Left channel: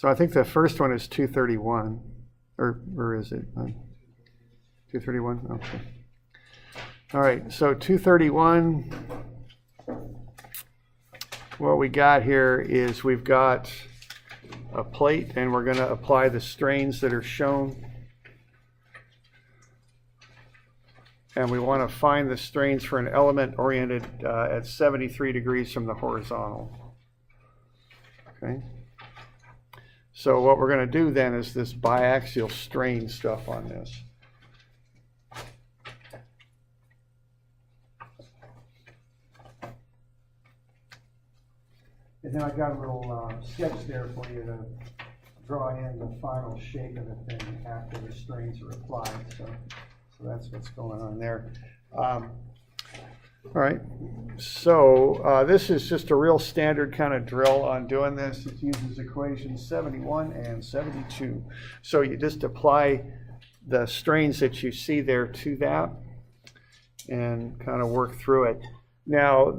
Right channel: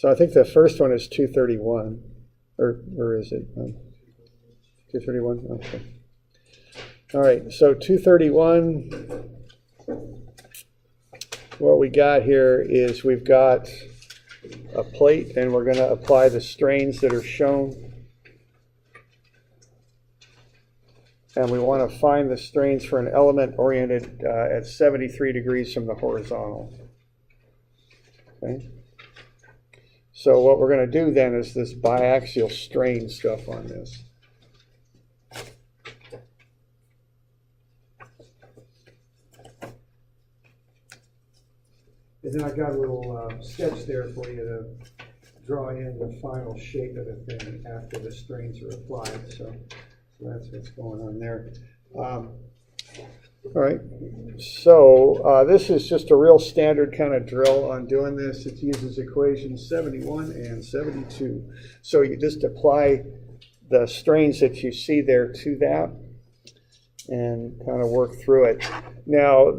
So I think the first one is 231, or is it 231? Okay. All right, so 231, what we got here is we've got a plate, and we're going to apply the strains that are shown. And we want to find the strains for an element oriented at 73 degrees from the horizontal. Okay. So what we're going to do then is this biaxial strain stuff on this. And then I got a little sketch there for you to draw in the final shape of the thing after the strains are applied. So that's what's going on there. All right, so this is just a real standard kind of drill on doing this. It uses equations 71 and 72. So you just apply the strains that you see there to that and kind of work through it. Now,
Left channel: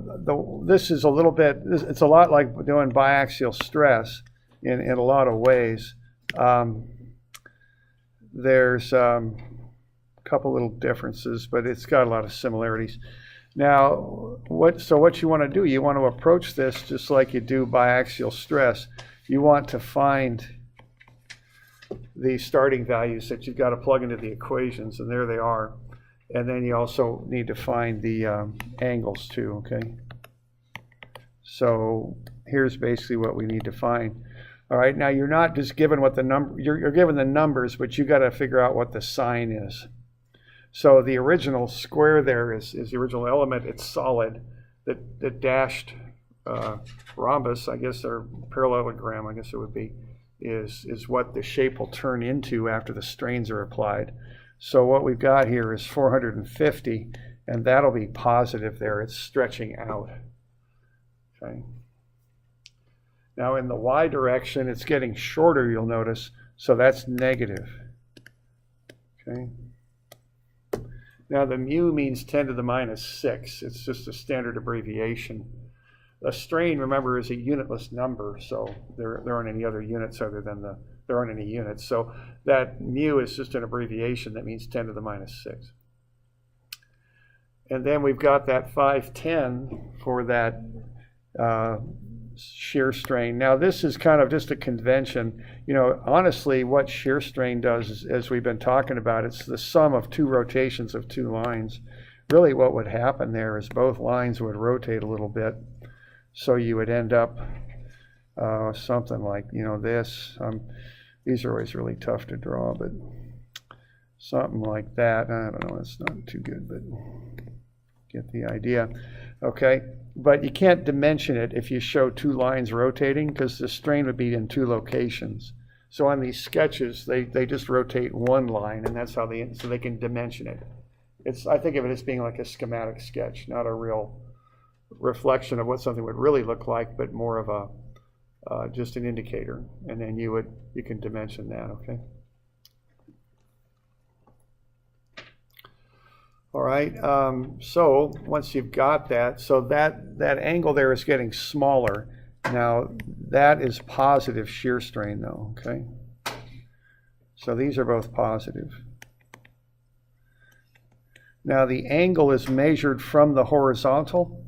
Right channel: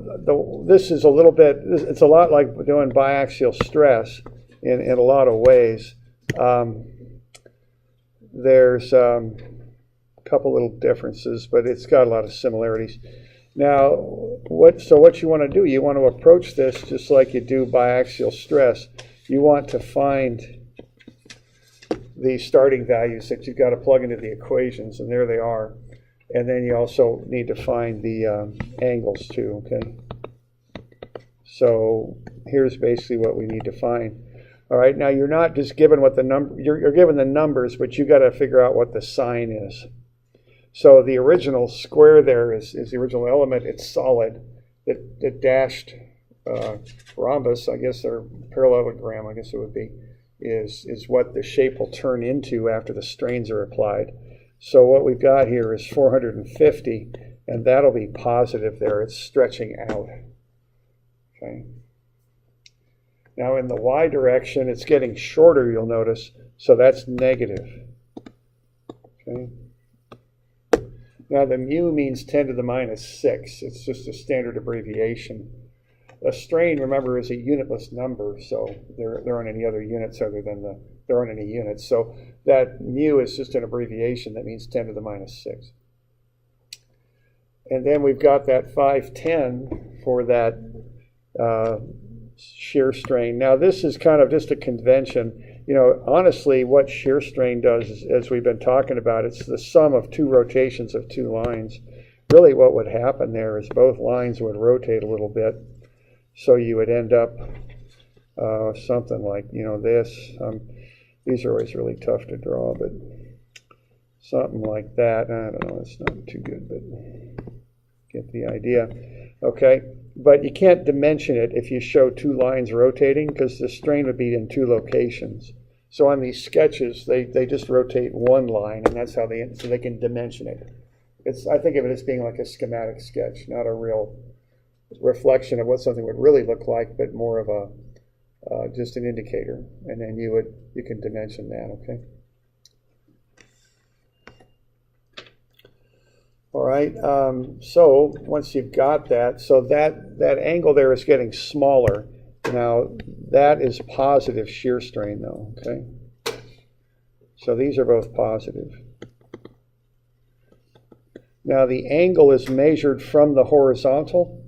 this is a little bit, it's a lot like doing biaxial stress in a lot of ways. There's couple little differences, but it's got a lot of similarities. Now, what you want to do, you want to approach this just like you do biaxial stress. You want to find the starting values that you've got to plug into the equations, and there they are. And then you also need to find the angles too, okay? So here's basically what we need to find. All right, now you're not just given what the number, you're given the numbers, but you got to figure out what the sign is. So the original square there is the original element. It's solid. The dashed rhombus, I guess, or parallelogram, I guess it would be, is what the shape will turn into after the strains are applied. So what we've got here is 450, and that'll be positive there. It's stretching out. Okay. Now in the y direction, it's getting shorter, you'll notice, so that's negative. Okay. Now the mu means 10 to the minus 6. It's just a standard abbreviation. A strain, remember, is a unitless number, so there aren't any other units other than there aren't any units. So that mu is just an abbreviation that means 10 to the minus 6. And then we've got that 510 for that shear strain. Now this is kind of just a convention. You know, honestly, what shear strain does is, as we've been talking about, it's the sum of two rotations of two lines. Really what would happen there is both lines would rotate a little bit. So you would end up something like, you know, this. These are always really tough to draw, but something like that. I don't know, it's not too good, but get the idea. Okay, but you can't dimension it if you show two lines rotating, because the strain would be in two locations. So on these sketches, they just rotate one line, and that's how so they can dimension it. I think of it as being like a schematic sketch, not a real reflection of what something would really look like, but more of a just an indicator, and then you can dimension that. Okay. All right. So once you've got that, so that angle there is getting smaller. Now that is positive shear strain, though. Okay. So these are both positive. Now the angle is measured from the horizontal.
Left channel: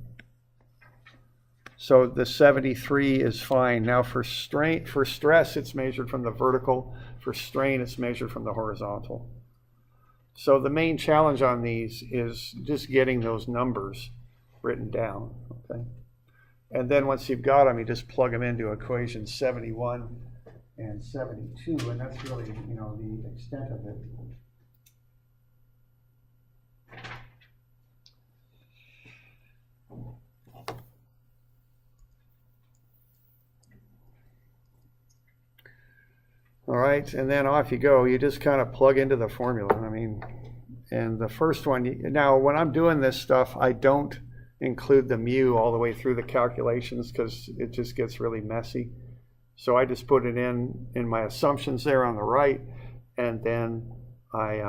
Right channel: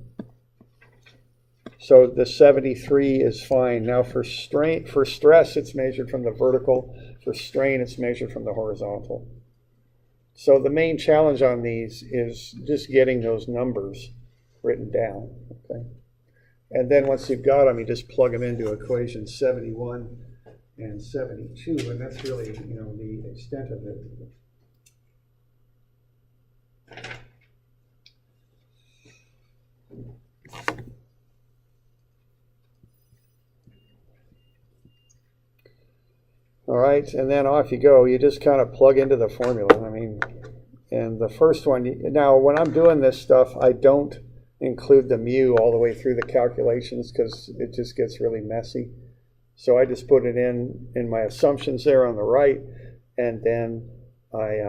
So the 73 is fine. Now for stress, it's measured from the vertical. For strain, it's measured from the horizontal. So the main challenge on these is just getting those numbers written down. Okay. And then once you've got them, you just plug them into equations 71 and 72, and that's really, you know, the extent of it. All right, and then off you go. You just kind of plug into the formula. I mean, and the first one, now when I'm doing this stuff, I don't include the mu all the way through the calculations because it just gets really messy. So I just put it in my assumptions there on the right, and then I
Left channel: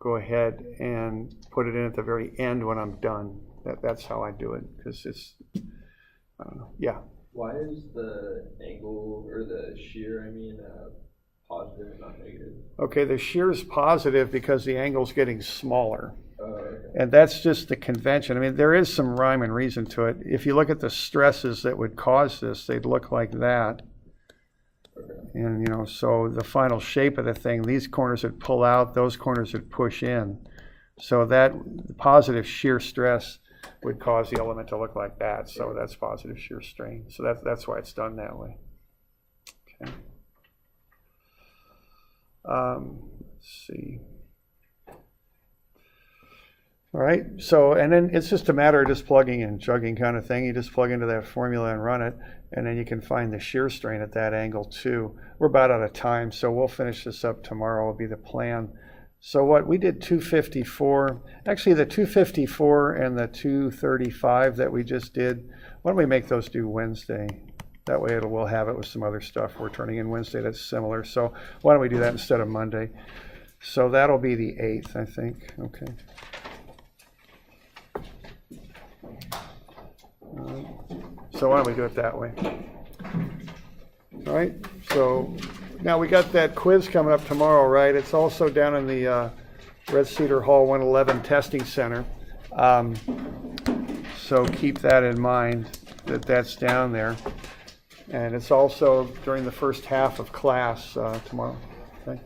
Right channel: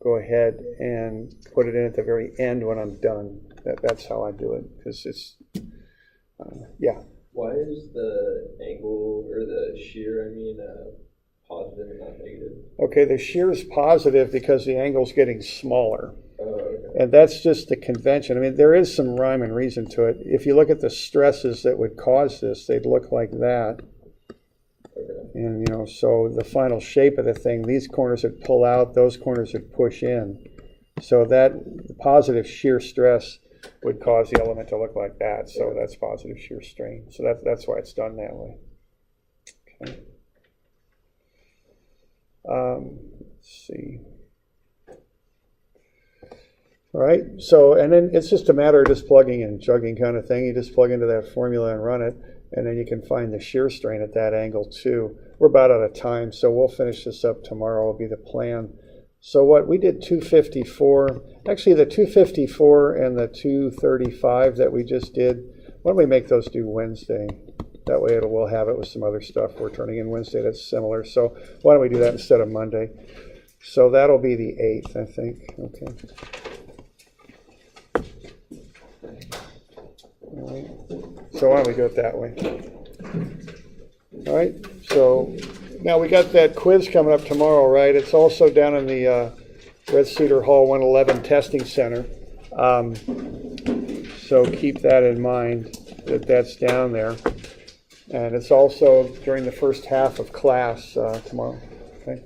go ahead and put it in at the very end when I'm done. That's how I do it, because it's, yeah. Why is the angle or the shear, positive and not negative? Okay, the shear is positive because the angle's getting smaller. Okay. And that's just the convention. I mean, there is some rhyme and reason to it. If you look at the stresses that would cause this, they'd look like that. Okay. And, so the final shape of the thing, these corners would pull out, those corners would push in. So that positive shear stress would cause the element to look like that. So that's positive shear strain. So that's why it's done that way. Okay. Let's see. All right, so, and then it's just a matter of just plugging and chugging kind of thing. You just plug into that formula and run it, and then you can find the shear strain at that angle too. We're about out of time, so we'll finish this up tomorrow, will be the plan. So what we did 254, actually the 254 and the 235 that we just did, why don't we make those due Wednesday? That way we'll have it with some other stuff we're turning in Wednesday that's similar. So why don't we do that instead of Monday? So that'll be the 8th, I think. Okay. All right. So why don't we do it that way? All right. So now we got that quiz coming up tomorrow, right? It's also down in the Red Cedar Hall 111 Testing Center. So keep that in mind that that's down there. And it's also during the first half of class tomorrow. Okay.